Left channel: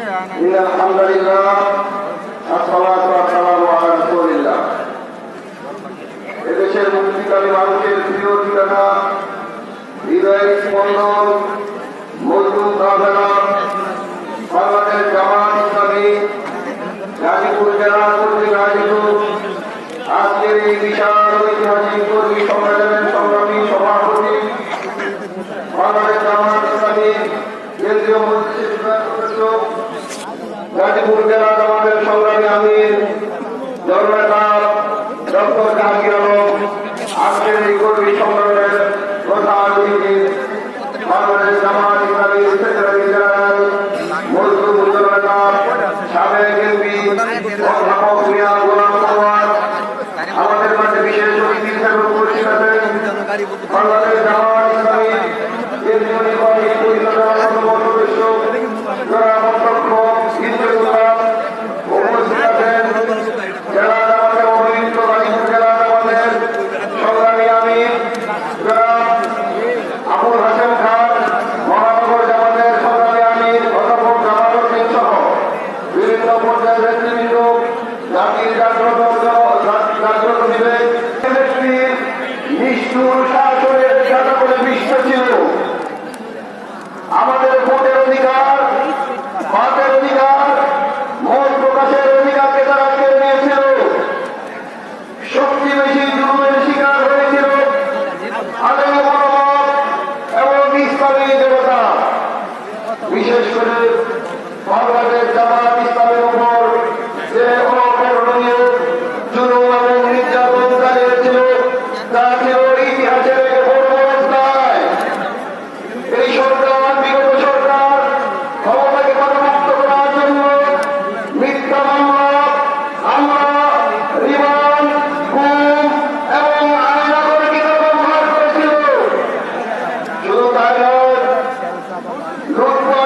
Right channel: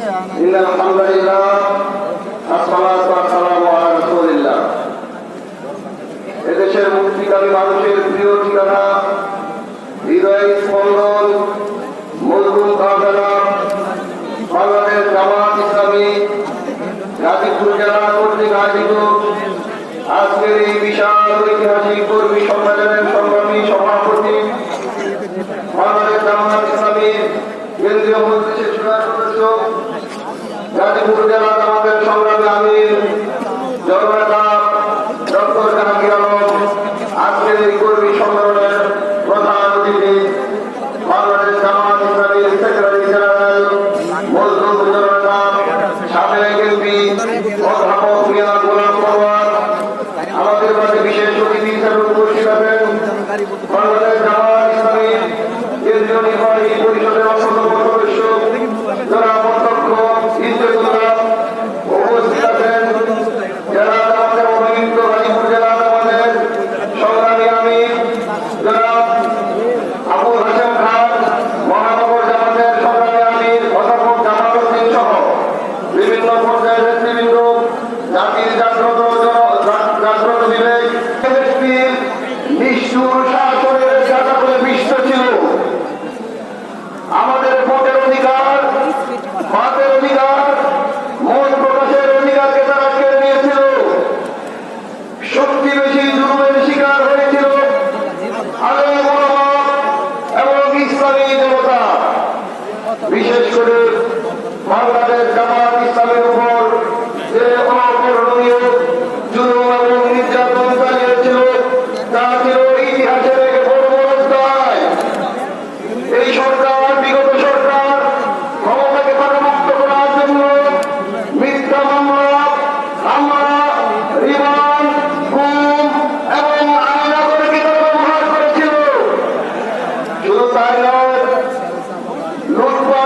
إن الحمد لله الصلاة والسلام على رسول الله এদেশের মুক্তিকামী মানুষের প্রিয় ঠিকানা হৃদয়ের স্পন্দন মজবুত কাফেলা বাংলাদেশ জামাত ইসলামী গাজীপুর জেলা কর্তৃক আয়োজিত আজকের এই বিশাল ঐতিহাসিক কর্মী সম্মেলনের সংগ্রামী সভাপতি বাংলাদেশ জামাত ইসলামী কেন্দ্রীয় মজলিসের সদস্য গাজীপুর জেলা জামাতের সংগ্রামী আমির জননেতা ডক্টর জাহাঙ্গীর আলম, আজকের এই কর্মী সম্মেলনের প্রধান অতিথি বাংলাদেশ জামাত ইসলামী সেক্রেটারি জেনারেল মজলুম জননেতা সাবেক এমপি অধ্যাপক মিয়া গোলাম পরোয়ার, আমাদের কাছে বিশেষ অতিথি হিসেবে উপস্থিত আছেন বাংলাদেশ জামাত ইসলামী কেন্দ্রীয় নির্বাহী পরিষদের অন্যতম সদস্য যারা অধ্যক্ষ ইন্দ্রুল্লাহ, উপস্থিত আছেন জেলা জামাতের অভিযুক্ত গাজীপুর জেলা জামাতের সংগ্রামী আমির যারা আবুল হাসেম খান, মহানগর জামাতের সংগ্রামী আমির অধ্যাপক জামাল উদ্দিন সহ বিভিন্ন পর্যায়ের ব্যক্তিবৃন্দ, জাতির জাগ্রত বিবেক ব্যক্তির নিষ্ঠুর শাসনের শাসনের বিশ্ব ছিল। আমাদের ভোটের অধিকার, মতের অধিকার, মত প্রকাশের অধিকারকে তারা কেড়ে নিয়েছিল। শক্তি বেশি জুলুমের শিকার হয়েছিল আলেম ওলামা এবং ইসলামী দেবতা। বিশেষ করে বাংলাদেশ জামাত ইসলামের উপর যে অবর্ণনীয় জুলুম এবং নির্যাতন চালিয়েছিল তা ছিল ইতিহাসের এক বড় অধ্যায়। এই সরকার, বিগত সরকার ক্ষমতাকে পাকামুক্ত করার জন্য মিথ্যা মামলা, হামলা, রিমান্ড, গুম এবং আইনাগরিকতা ব্যবহার করেছিল। শুধু তাই নয়, লুটপাট